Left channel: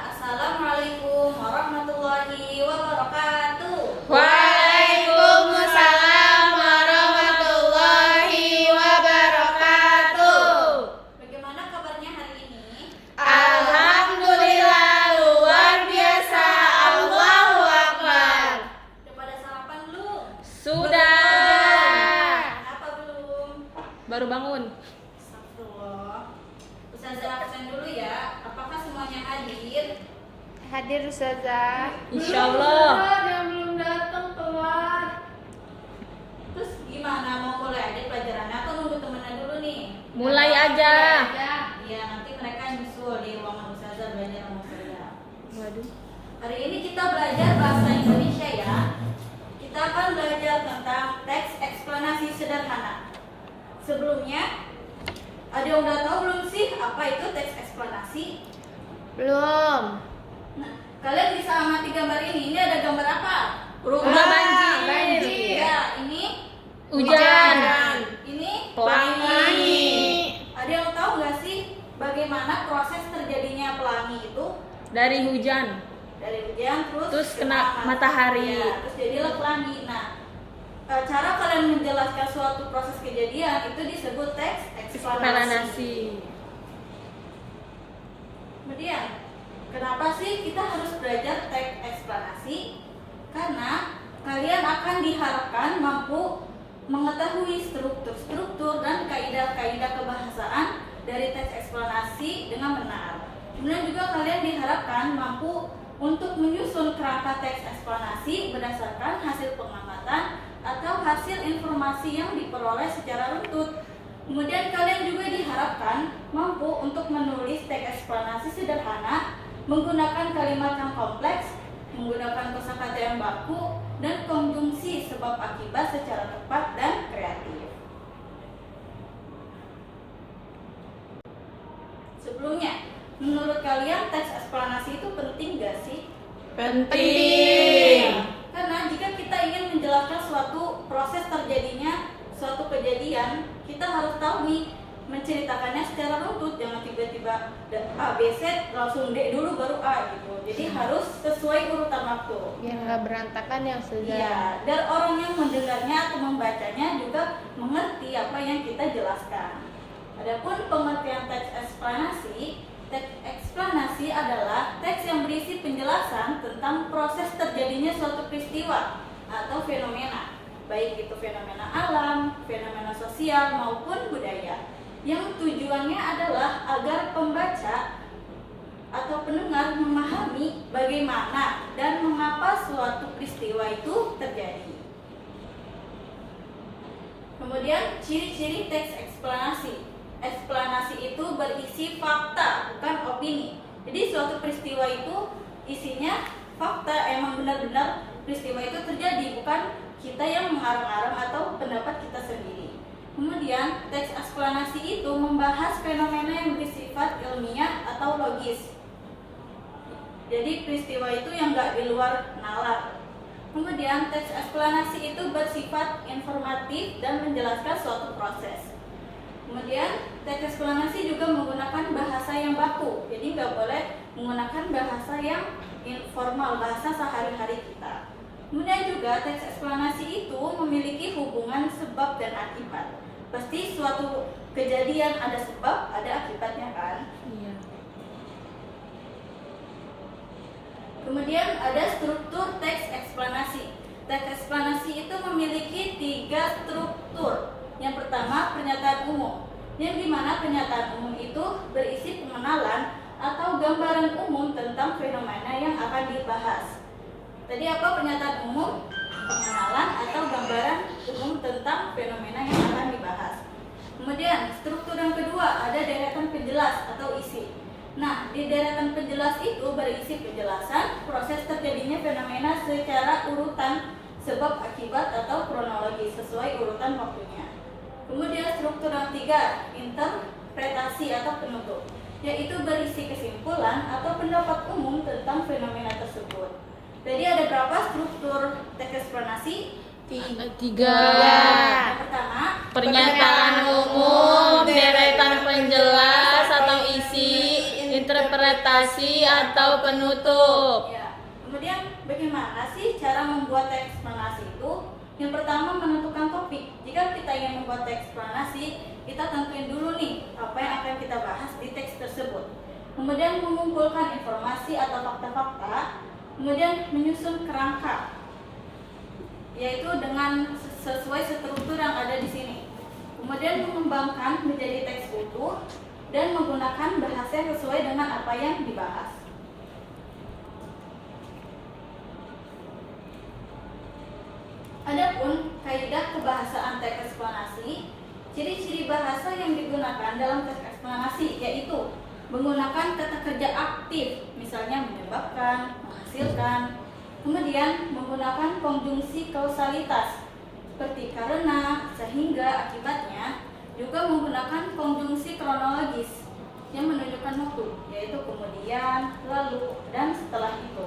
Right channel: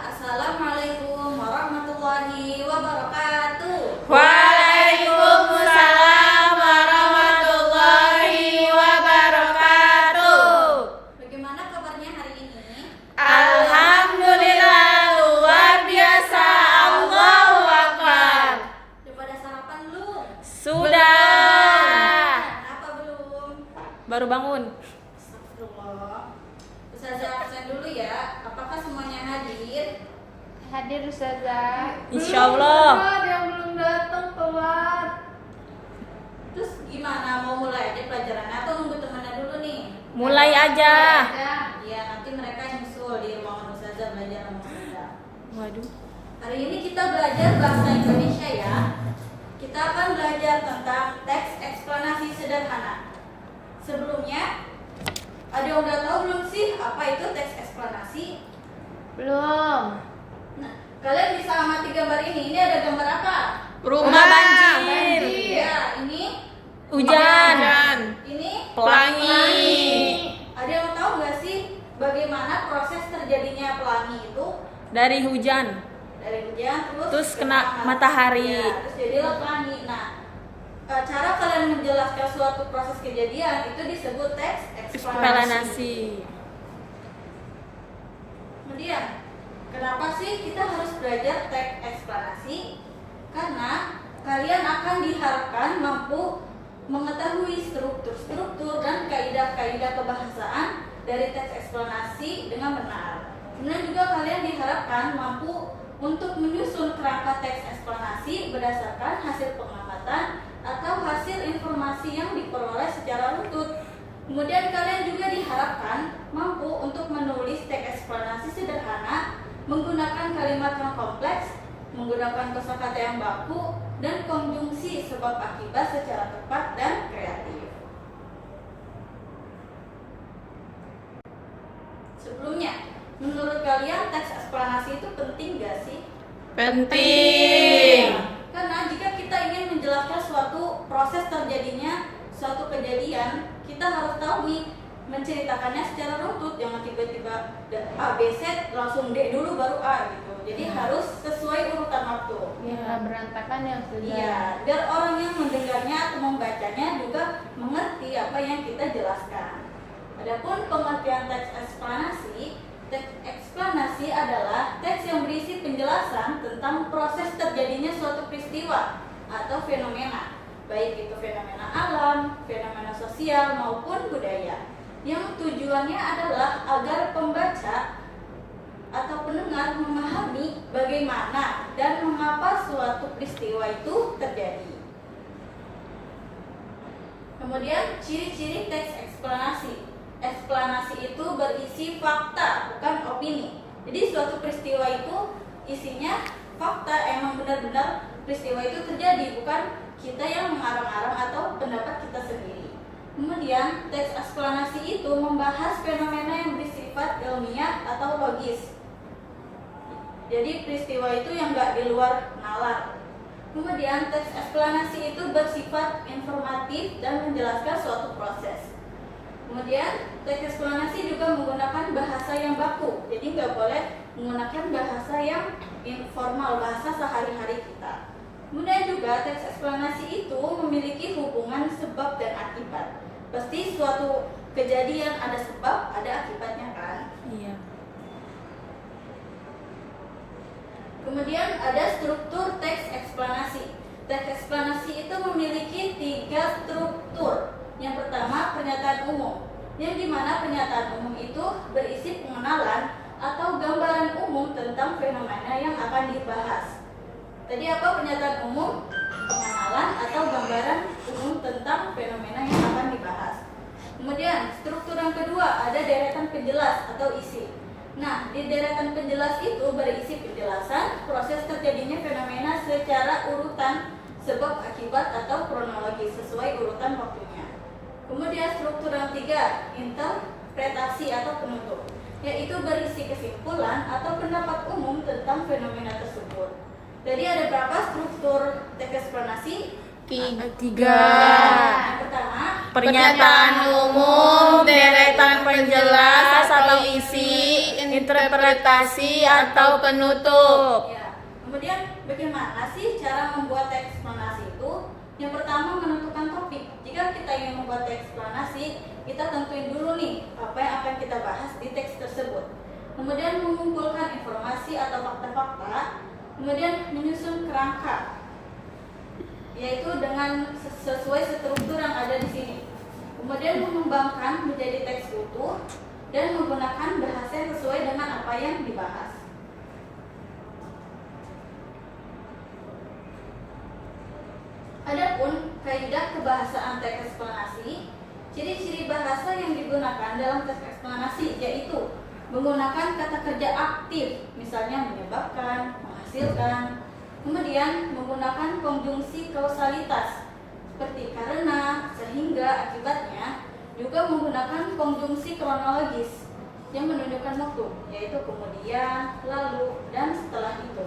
Assalamualaikum warahmatullahi wabarakatuh. Waalaikumsalam warahmatullahi wabarakatuh. Bagaimana kabarnya hari ini? Alhamdulillah luar biasa. Allahu Akbar. Sudah pada sarapan belum? Sudah. Kenapa belum? Baru bangun. Astagfirullah. Ustazah absen dulu ya. Apakah semuanya hadir? Hadir Ustazah. Insyaallah. Yang belum datang keluar. Terus gimana, mau mulai aja pelajarannya atau nunggu temannya dulu nih? Mulai aja. Iya, nanti mereka nyusul di ruangan Ustazah belajar sama Ustazah. Waduh. Hari ini kita belajar bahasa Indonesia ya. Kita akan belajar tentang teks eksplanasi sederhana. Sebelumnya, ada yang udah tahu belum sih apa itu teks eksplanasi? Belum. Nah, kalian bisa amati gambar ini. Ini ada gambar apa? Rumah banjir. Ya, ini Hujan. ini Pelangi. Ada yang tahu nggak sih bagaimana proses terjadinya pelangi itu? Dari hujan. Dari hujan Terus kena matahari. Ya, terus jadilah pelangi. Nah, cara kalian menjelaskan suatu proses kejadian itu disebut teks eksplanasi. Eksplanasi. Kemudian, kenapa sih kita harus belajar teks eksplanasi? Karena kalian akan diharapkan mampu mengetahui struktur-struktur dan kaidah-kaidah kebahasaan dari teks eksplanasi dengan benar. Kemudian juga kalian diharapkan mampu untuk menyusun kerangka teks eksplanasi berdasarkan hasil pengamatan atau hasil informasi yang diperoleh secara runtut. Kemudian kalian juga diharapkan mampu untuk menulis teks eksplanasi sederhana menggunakan kalimat yang kompleks, menggunakan kosakata yang baku, dan konjungsi sebab akibat secara tepat dan kreatif. Sebelumnya, menurut kalian teks eksplanasi itu penting gak sih? Penting. Karena jika kita ingin menjelaskan suatu proses terjadinya suatu kejadian, kita harus tahu nih menceritakannya secara runtut, jangan tiba-tiba A, B, Z langsung D dulu baru A gitu. Jadi harus sesuai urutan waktu. Biar nggak berantakan ya Ustazah. Iya, biar orang yang mendengarnya atau membacanya juga mengerti apa yang kita jelaskan. Adapun pengertian teks eksplanasi adalah teks yang berisi penjelasan tentang proses terjadinya suatu peristiwa atau fenomena, baik itu fenomena alam, fenomena sosial maupun budaya, yang tujuannya adalah agar pembaca atau pendengar memahami bagaimana dan mengapa suatu peristiwa itu terjadi. Kemudian ciri-ciri teks eksplanasi. Eksplanasi itu berisi fakta, bukan opini. Jadi suatu peristiwa itu isinya fakta, emang benar-benar peristiwa itu terjadi, bukan kita yang mengarang-arang atau pendapat kita sendiri. Kemudian teks eksplanasi itu membahas fenomena yang bersifat ilmiah atau logis. Jadi peristiwa itu yang nggak di luar nalar. Kemudian teks eksplanasi itu bersifat informatif dan menjelaskan suatu proses. Kemudian teks eksplanasi juga menggunakan bahasa yang baku. Jadi nggak boleh menggunakan bahasa yang informal, bahasa sehari-hari kita. Kemudian juga teks eksplanasi itu memiliki hubungan sebab dan akibat. Pasti suatu kejadian ada sebab, ada akibatnya kan? Iya. Kemudian ada struktur teks eksplanasi. Teks eksplanasi itu memiliki 3 struktur. Yang pertama, pernyataan umum, yang dimana pernyataan umum itu berisi pengenalan atau gambaran umum tentang fenomena yang akan dibahas. Tadi apa pernyataan umum? Pengenalan atau gambaran umum tentang fenomena yang akan dibahas. Kemudian struktur yang kedua ada deretan penjelas atau isi. Nah, di deretan penjelas itu berisi penjelasan proses terjadinya fenomena secara urutan sebab akibat atau kronologi sesuai urutan waktunya. Kemudian struktur yang ketiga, interpretasi atau penutup, yaitu berisi kesimpulan atau pendapat umum tentang fenomena tersebut. Jadi ada berapa struktur teks eksplanasi? 3. Yang pertama, Pernyataan umum, deretan penjelas atau isi, interpretasi atau penutup. Ya. Kemudian bagaimana sih cara membuat teks eksplanasi itu? Yang pertama, menentukan topik. Jika kita ingin membuat teks eksplanasi, kita tentuin dulu nih apa yang akan kita bahas di teks tersebut. Kemudian mengumpulkan informasi atau fakta-fakta, kemudian menyusun kerangka, yaitu dengan sesuai struktur yang ada di sini. Kemudian mengembangkan menjadi teks utuh dan menggunakan bahasa yang sesuai dengan apa yang dibahas. Adapun kaidah kebahasaan teks eksplanasi, ciri-ciri bahasa yang digunakan dalam teks eksplanasi yaitu menggunakan kata kerja aktif, misalnya menyebabkan, menghasilkan. Kemudian menggunakan konjungsi kausalitas seperti karena, sehingga, akibatnya. Juga menggunakan konjungsi kronologis yang menunjukkan waktu, yaitu kemudian, lalu, dan setelah itu.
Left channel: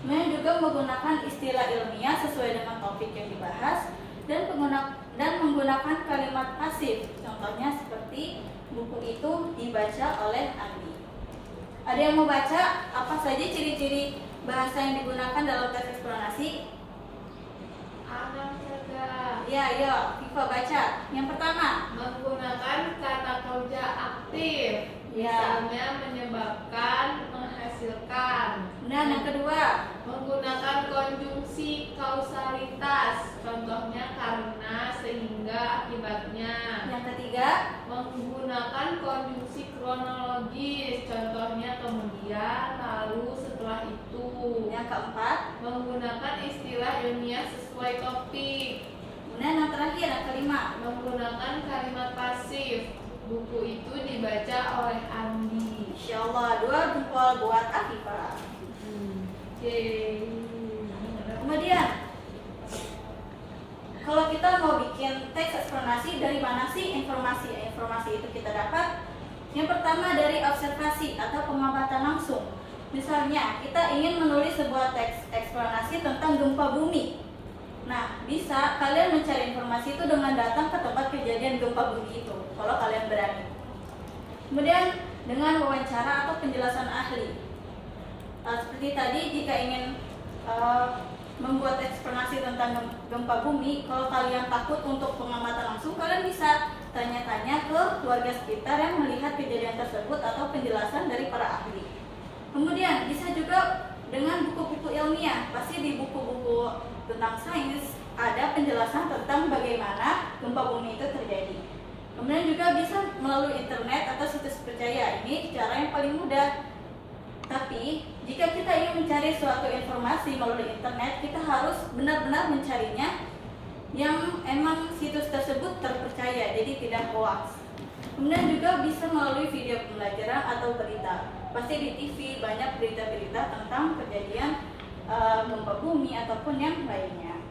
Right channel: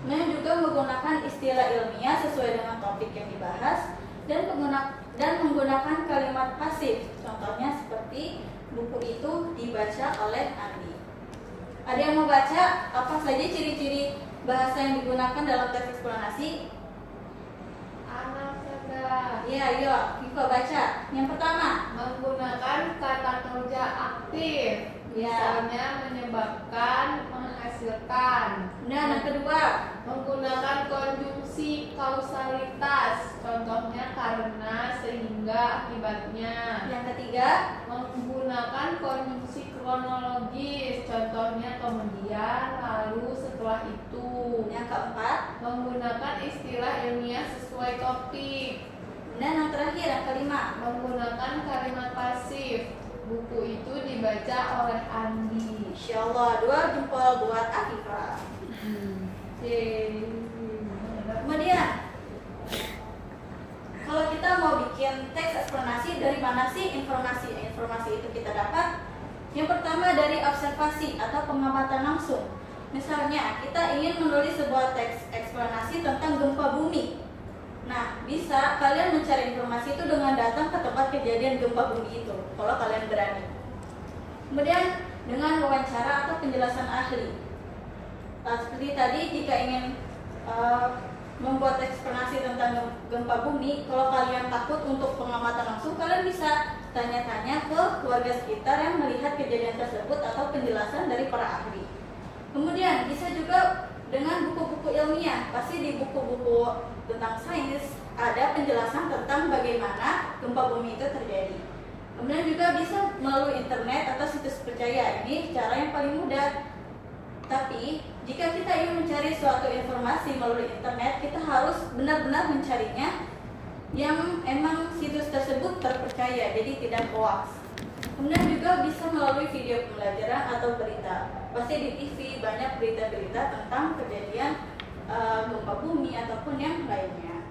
Kemudian juga menggunakan istilah ilmiah sesuai dengan topik yang dibahas dan menggunakan kalimat pasif. Contohnya seperti buku itu dibaca oleh Andi. Ada yang mau baca apa saja ciri-ciri bahasa yang digunakan dalam teks eksplanasi? Anak saja. Ya, ayo, Viva baca. Yang pertama, Menggunakan kata kerja aktif. Ya. Misalnya menyebabkan, menghasilkan. nah, yang kedua, Menggunakan konjungsi kausalitas. Contohnya karena, sehingga, akibatnya. yang ketiga, Menggunakan konjungsi kronologis. Contohnya kemudian, lalu, setelah itu. yang keempat, Menggunakan istilah ilmiah sesuai topik. kemudian yang terakhir, yang kelima. Menggunakan kalimat pasif. Buku itu dibaca oleh Andi. Insya Allah, 2 jempol buat Afifah. Kemudian, kalau kita mau bikin teks eksplanasi, dari mana sih informasi? Informasi itu kita dapat. Yang pertama dari observasi atau pengamatan langsung. Misalnya, kita ingin menulis sebuah teks eksplanasi tentang gempa bumi. Nah, bisa kalian mencari informasi itu dengan datang ke tempat kejadian gempa bumi itu, kalau kalian berani. Kemudian dengan wawancara atau penjelasan ahli. Seperti tadi, jika ingin membuat eksplanasi tentang gempa bumi, kalau kalian takut untuk pengamatan langsung, kalian bisa tanya-tanya ke keluarga sekitar yang melihat kejadian tersebut atau penjelasan dari para ahli. Kemudian bisa juga dengan buku-buku ilmiah. Pasti di buku-buku tentang sains ada penjelasan tentang bagaimana gempa bumi itu terjadi. Kemudian juga bisa melalui internet atau situs percaya. Ini cara yang paling mudah. Tapi jika kita ingin mencari suatu informasi melalui internet, kita harus benar-benar mencarinya yang emang situs tersebut terpercaya, jadi tidak hoax. Kemudian juga bisa melalui video pembelajaran atau berita. Pasti di TV banyak berita-berita tentang kejadian gempa bumi ataupun yang lainnya.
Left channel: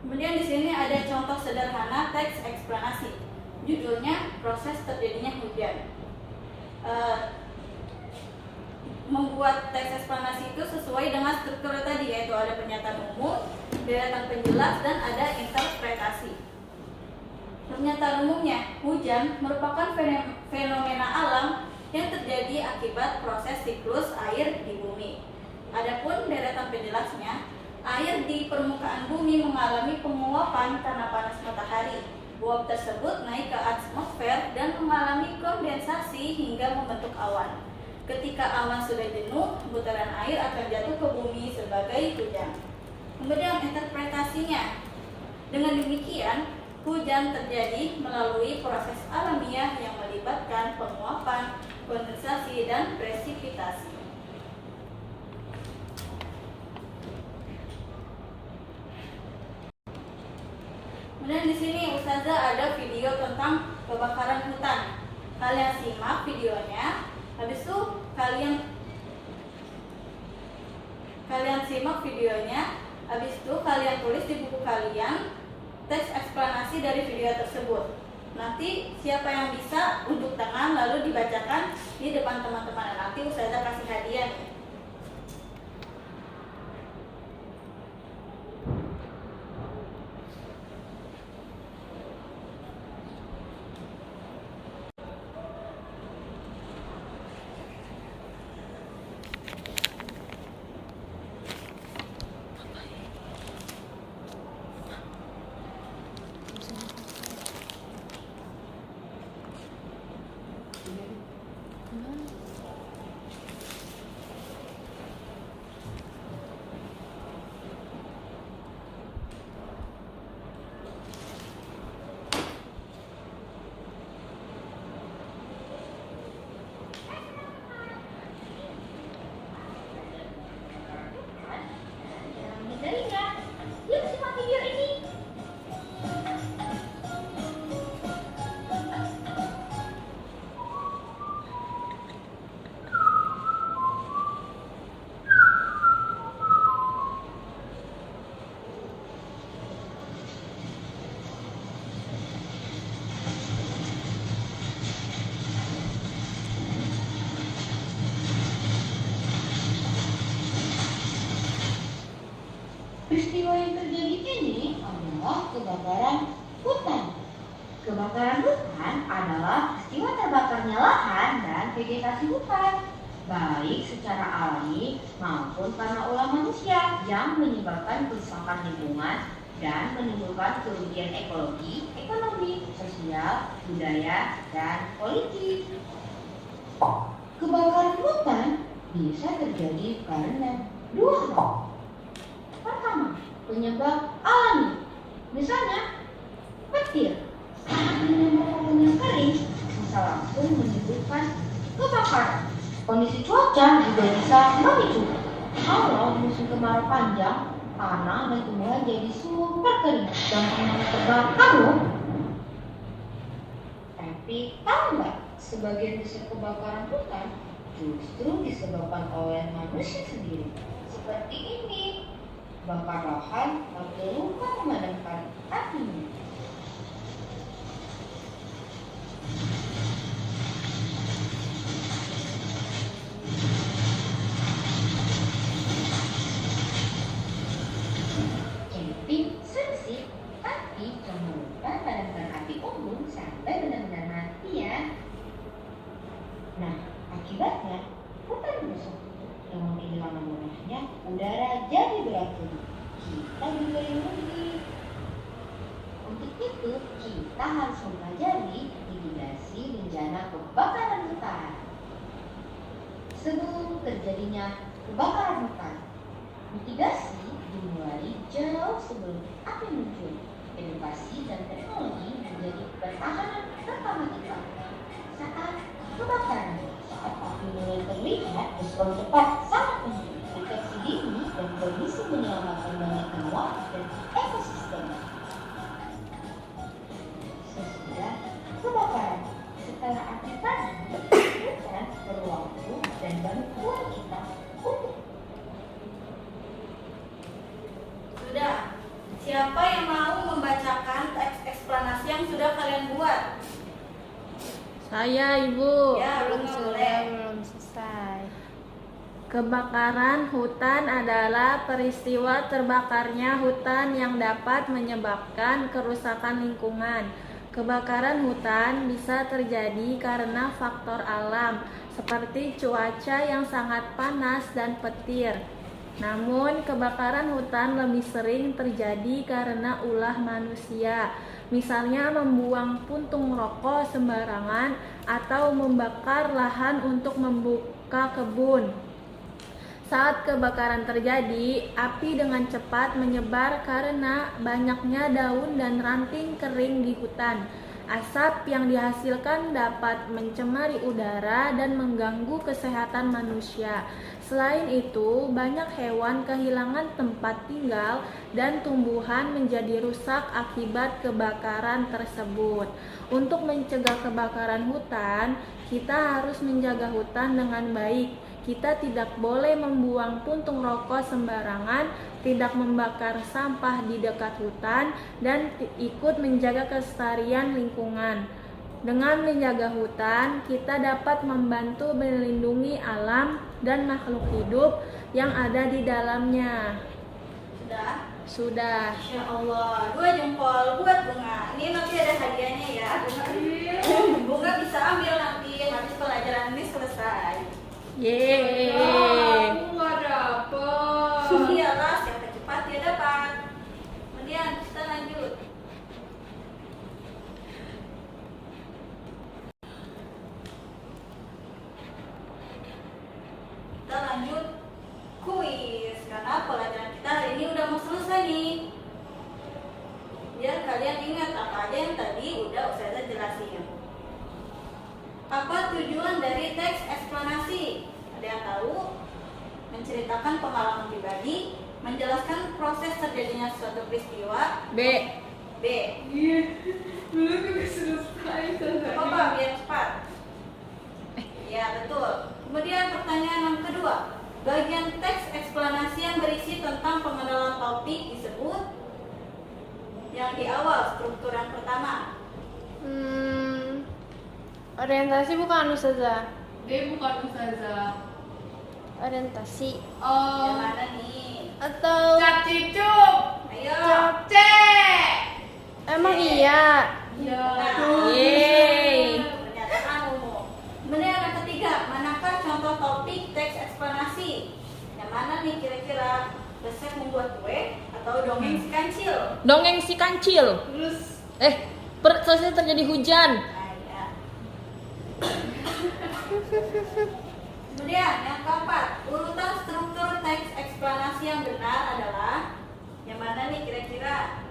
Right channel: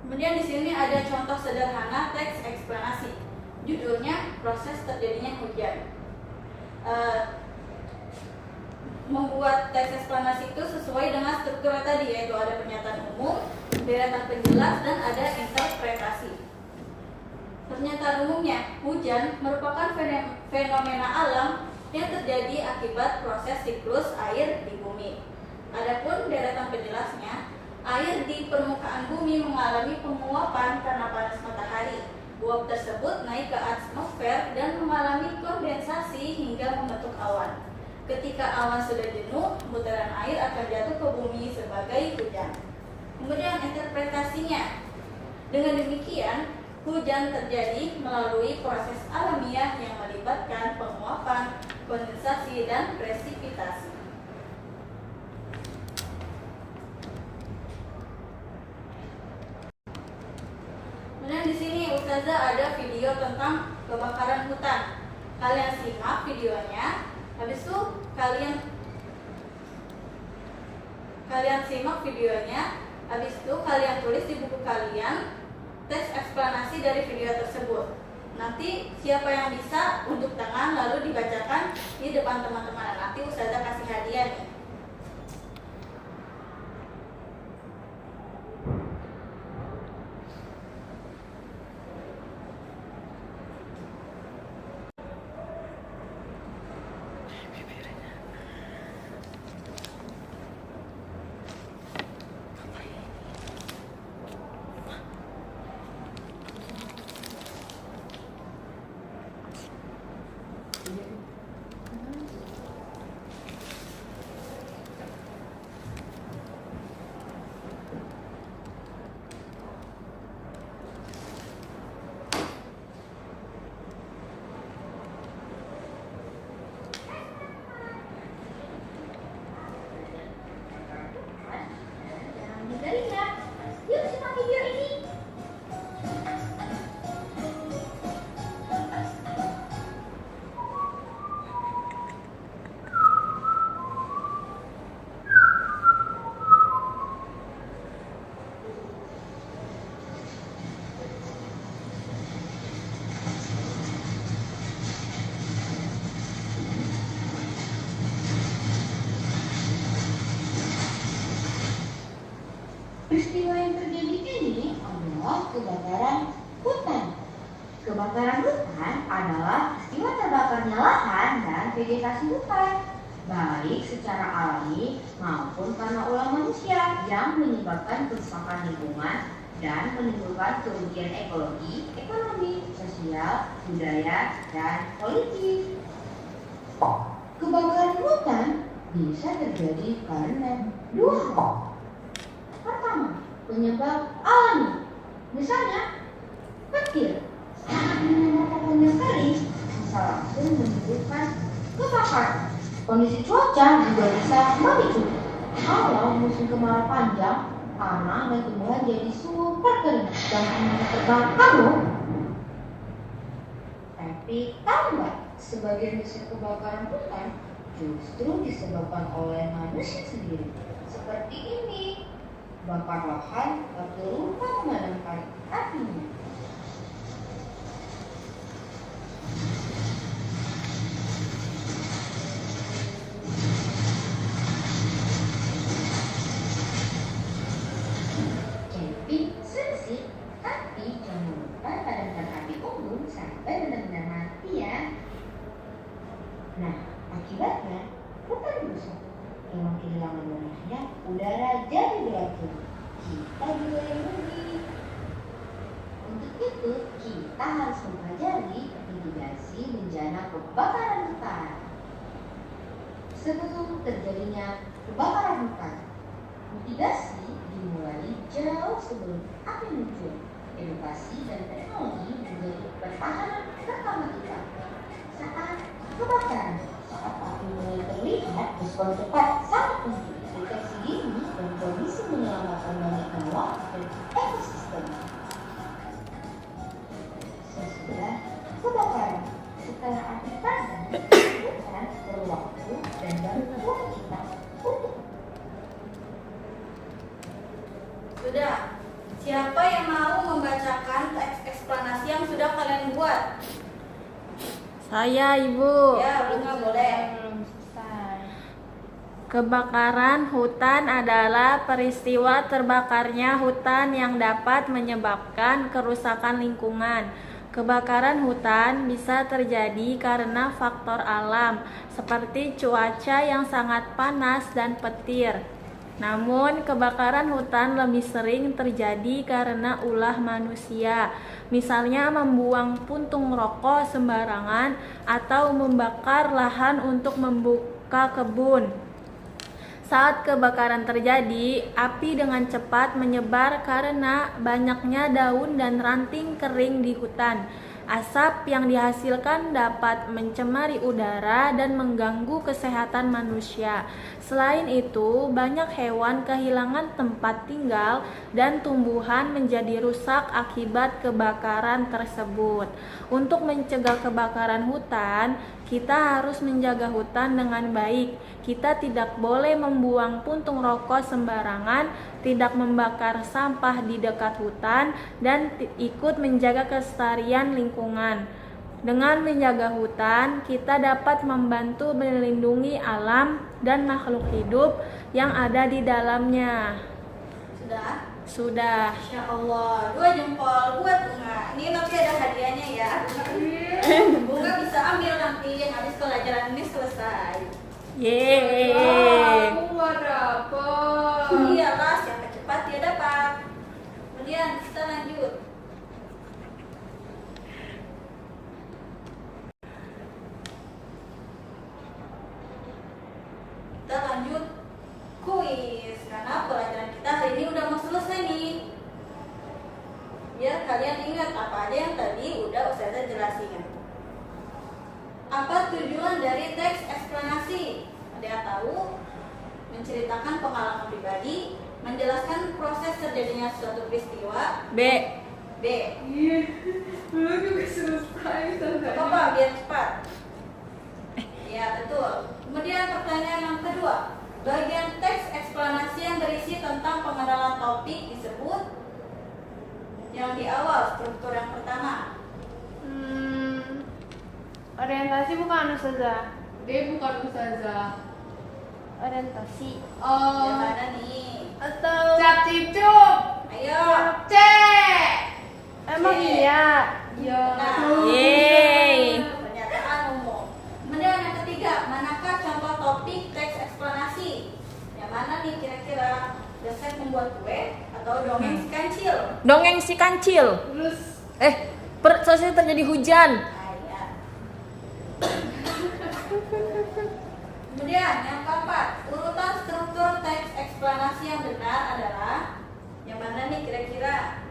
Kemudian di sini ada contoh sederhana teks eksplanasi. Judulnya proses terjadinya hujan. Membuat teks eksplanasi itu sesuai dengan struktur tadi, yaitu ada pernyataan umum, deretan penjelas, dan ada interpretasi. Pernyataan umumnya, hujan merupakan fenomena alam yang terjadi akibat proses siklus air di bumi. Adapun deretan penjelasnya, air di permukaan bumi mengalami penguapan karena panas matahari. Uap tersebut naik ke atmosfer dan mengalami kondensasi hingga membentuk awan. Ketika awan sudah jenuh, butiran air akan jatuh ke bumi sebagai hujan. Kemudian interpretasinya, dengan demikian hujan terjadi melalui proses alamiah yang melibatkan penguapan, kondensasi, dan presipitasi. Kemudian di sini Ustazah ada video tentang kebakaran hutan. Kalian simak videonya. Habis itu kalian simak videonya. Habis itu kalian tulis di buku kalian teks eksplanasi dari video tersebut. Nanti siapa yang bisa unjuk tangan lalu dibacakan di depan teman-teman. Nanti Ustazah kasih hadiah nih. Peristiwa yang terjadi ini adalah kebakaran hutan. Kebakaran hutan adalah peristiwa terbakarnya lahan dan vegetasi hutan, baik secara alami maupun karena ulah manusia yang menyebabkan kerusakan lingkungan dan menimbulkan kerugian ekologi, ekonomi, sosial, budaya, dan politik. Kebakaran hutan bisa terjadi karena dua hal. Pertama, penyebab alami. Misalnya, petir saat menyambar pohon yang kering bisa langsung menimbulkan kebakaran. Kondisi cuaca juga bisa memicu. Kalau musim kemarau panjang, tanah dan tumbuhan jadi super kering dan semuanya terbakar loh. Tapi tahu nggak, sebagian besar kebakaran hutan justru disebabkan oleh manusia sendiri. Seperti ini, bakar lahan atau lupa memadamkan apinya. Camping seru sih, tapi jangan lupa padamkan api umum sampai benar-benar mati ya. Nah, akibatnya hutan rusak. Dengan kehilangan warnanya, udara jadi beracun. Kita juga yang rugi. Untuk itu, kita harus mempelajari mitigasi bencana kebakaran hutan. Sebelum terjadinya kebakaran hutan, mitigasi dimulai jauh sebelum api muncul. Edukasi dan teknologi menjadi pertahanan pertama kita. Saat kebakaran, saat api mulai terlihat, respon cepat sangat penting. Deteksi dini dan kondisi menyelamatkan banyak nyawa dan ekosistem. Sesudah kebakaran, setelah api padam, hutan perlu waktu dan bantuan kita untuk. Sudah. Siapa yang mau membacakan teks eksplanasi yang sudah kalian buat? Saya, Ibu. Ya, Bunga boleh. Belum selesai. Kebakaran hutan adalah peristiwa terbakarnya hutan yang dapat menyebabkan kerusakan lingkungan. Kebakaran hutan bisa terjadi karena faktor alam, seperti cuaca yang sangat panas dan petir. Namun, kebakaran hutan lebih sering terjadi karena ulah manusia, misalnya membuang puntung rokok sembarangan atau membakar lahan untuk membuka kebun. Saat kebakaran terjadi, api dengan cepat menyebar karena banyaknya daun dan ranting kering di hutan. Asap yang dihasilkan dapat mencemari udara dan mengganggu kesehatan manusia. Selain itu, banyak hewan kehilangan tempat tinggal dan tumbuhan menjadi rusak akibat kebakaran tersebut. Untuk mencegah kebakaran hutan, kita harus menjaga hutan dengan baik. Kita tidak boleh membuang puntung rokok sembarangan, tidak membakar sampah di dekat hutan, dan ikut menjaga kelestarian lingkungan. Dengan menjaga hutan, kita dapat membantu melindungi alam dan makhluk hidup yang ada di dalamnya. Sudah? Sudah. Masya Allah, 2 jempol buat Bunga. Ini nanti ada hadiahnya ya. Bunga bisa ambil nanti habis pelajaran ini selesai. Yeay. Aku nggak dapet. Iyalah, siapa cepat dia dapat. Kemudian kita lanjut. Kita lanjut kuis karena pelajaran kita hari ini udah mau selesai nih. Biar kalian ingat apa aja yang tadi udah Ustazah jelasin. Apa tujuan dari teks eksplanasi? Ada yang tahu? Menceritakan pengalaman pribadi, menjelaskan proses terjadinya suatu peristiwa. B. B. Iya, belum juga selesai. Gak apa-apa, biar cepat. Ya, betul. Kemudian pertanyaan yang kedua. Bagian teks eksplanasi yang berisi tentang pengenalan topik disebut yang di awal, struktur yang pertama. Orientasi bukan Ustazah. D bukan Ustazah. Orientasi. Oh, Yang mana nih? Atau Cap-cicup. Ayo. Capcek. emang iya? Ya. Yeay. Pernyataan umum. Kemudian yang ketiga, manakah contoh topik teks eksplanasi? Yang mana nih kira-kira? Resep membuat kue atau dongeng si kancil? Dongeng si kancil. Terus Selesai terjadi hujan. Nah, ya. Kemudian yang keempat, urutan struktur teks eksplanasi yang benar adalah yang mana nih kira-kira?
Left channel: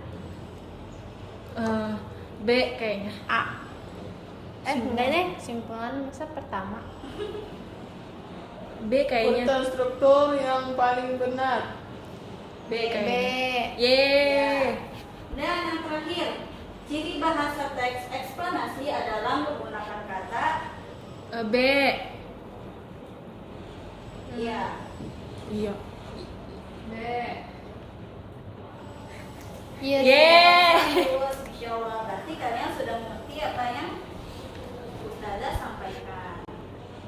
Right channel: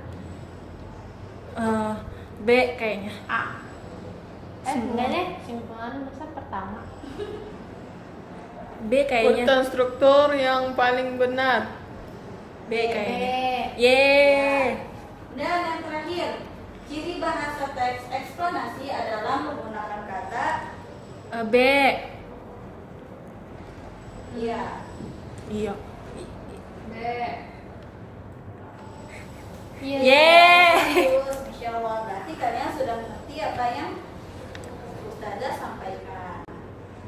B kayaknya. A. Enggak deh, simpulan masa pertama. B kayaknya. Urutan struktur yang paling benar. B kayaknya. B. Yeay. Dan yang terakhir, ciri bahasa teks eksplanasi adalah menggunakan kata B. iya. Iya. B. Iya. Yeay. Terus, Insya Allah, berarti kalian sudah mengerti apa yang Ustazah sampaikan.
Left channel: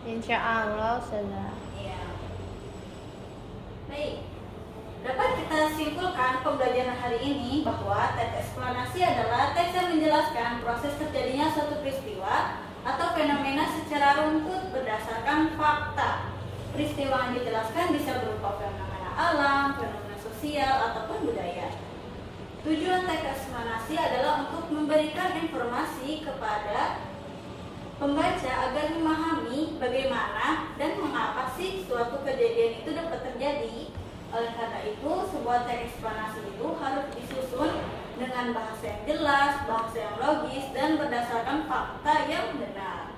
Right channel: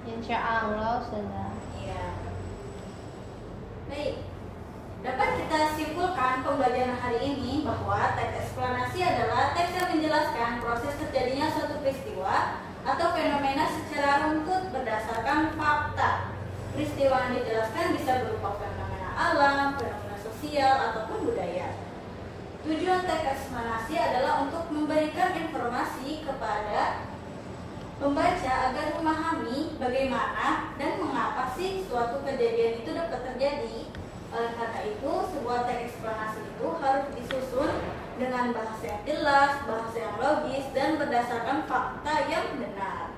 Insya Allah sudah. Iya. Baik. Dapat kita simpulkan pembelajaran hari ini bahwa teks eksplanasi adalah teks yang menjelaskan proses terjadinya suatu peristiwa atau fenomena secara runtut berdasarkan fakta. Peristiwa yang dijelaskan bisa berupa fenomena alam, fenomena sosial, ataupun budaya. Tujuan teks eksplanasi adalah untuk memberikan informasi kepada pembaca agar memahami bagaimana dan mengapa sih suatu kejadian itu dapat terjadi. Oleh karena itu, sebuah teks eksplanasi itu harus disusun dengan bahasa yang jelas, bahasa yang logis, dan berdasarkan fakta yang benar.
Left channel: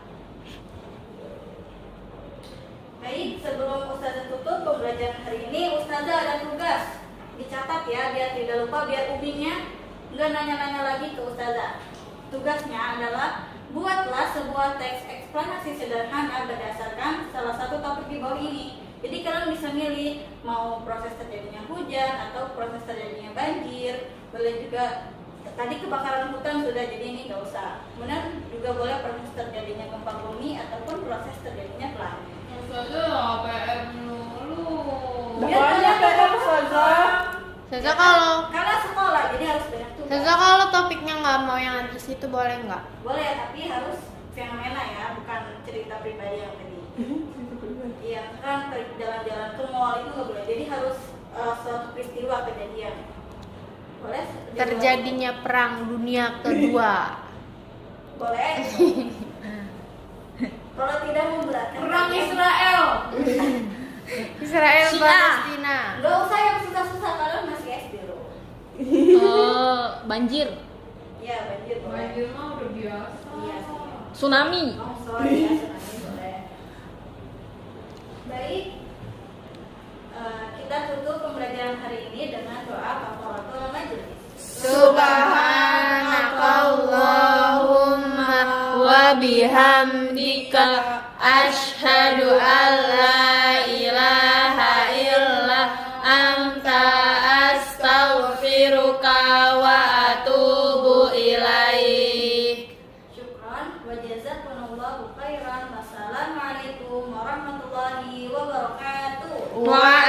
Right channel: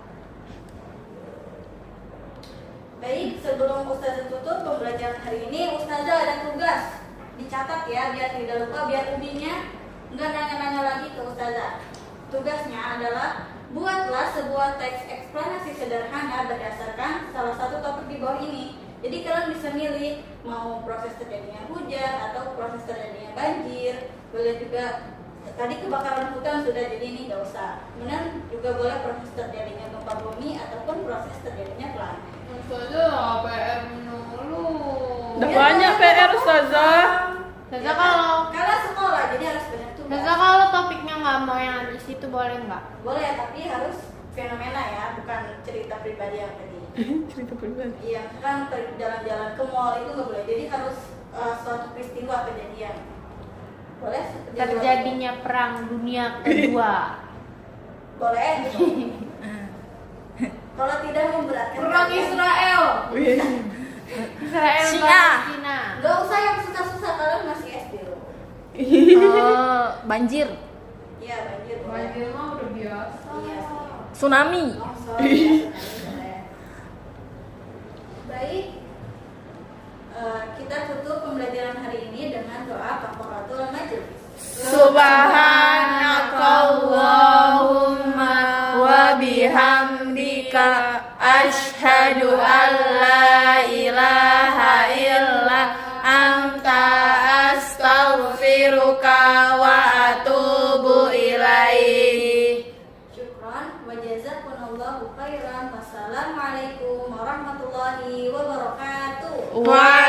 Baik, sebelum Ustazah tutup pembelajaran hari ini, Ustazah ada tugas. Dicatat ya, biar tidak lupa, biar ubinya nggak nanya-nanya lagi ke Ustazah. Tugasnya adalah buatlah sebuah teks eksplanasi sederhana berdasarkan salah satu topik di bawah ini. Jadi kalian bisa milih mau proses terjadinya hujan atau proses terjadinya banjir. Boleh juga tadi kebakaran hutan sudah, jadi ini nggak usah. Kemudian juga boleh proses terjadinya gempa bumi ataupun proses terjadinya planet. Ustazah PR dulu. Banyak PR Ustazah. Ustazah kalau Kalian sekolah jadi harus benar tuh. Ustazah kalau topiknya nggak mau yang di situ boleh nggak? Boleh, tapi harus fenomena ya, bukan cerita pribadi yang tadi. Cerita pribadi. Iya, kan jalan-jalan ke mall itu nggak boleh. Jadi harus suatu peristiwa kejadian. Boleh? Terjadinya perang dunia kedua. Boleh. Kalau tidak memberatkan. Perang kalian, Israel. Israel Sia. Palestina. nggak usah yang susah-susah, kalian masih SD loh. Banjir. Iya, banjir boleh. Banjir mah udah biasa. Iya. Tsunami. Longsor, ya, tsunami boleh. Baik. Kita tutup pembelajaran hari ini dengan doa kafaratul majelis. Subhanakallahumma wa bihamdika asyhadu an la ilaha illa anta astaghfiruka wa atubu ilaih. Syukran wa jazakumullahu khairan. Wassalamualaikum warahmatullahi wabarakatuh. Wa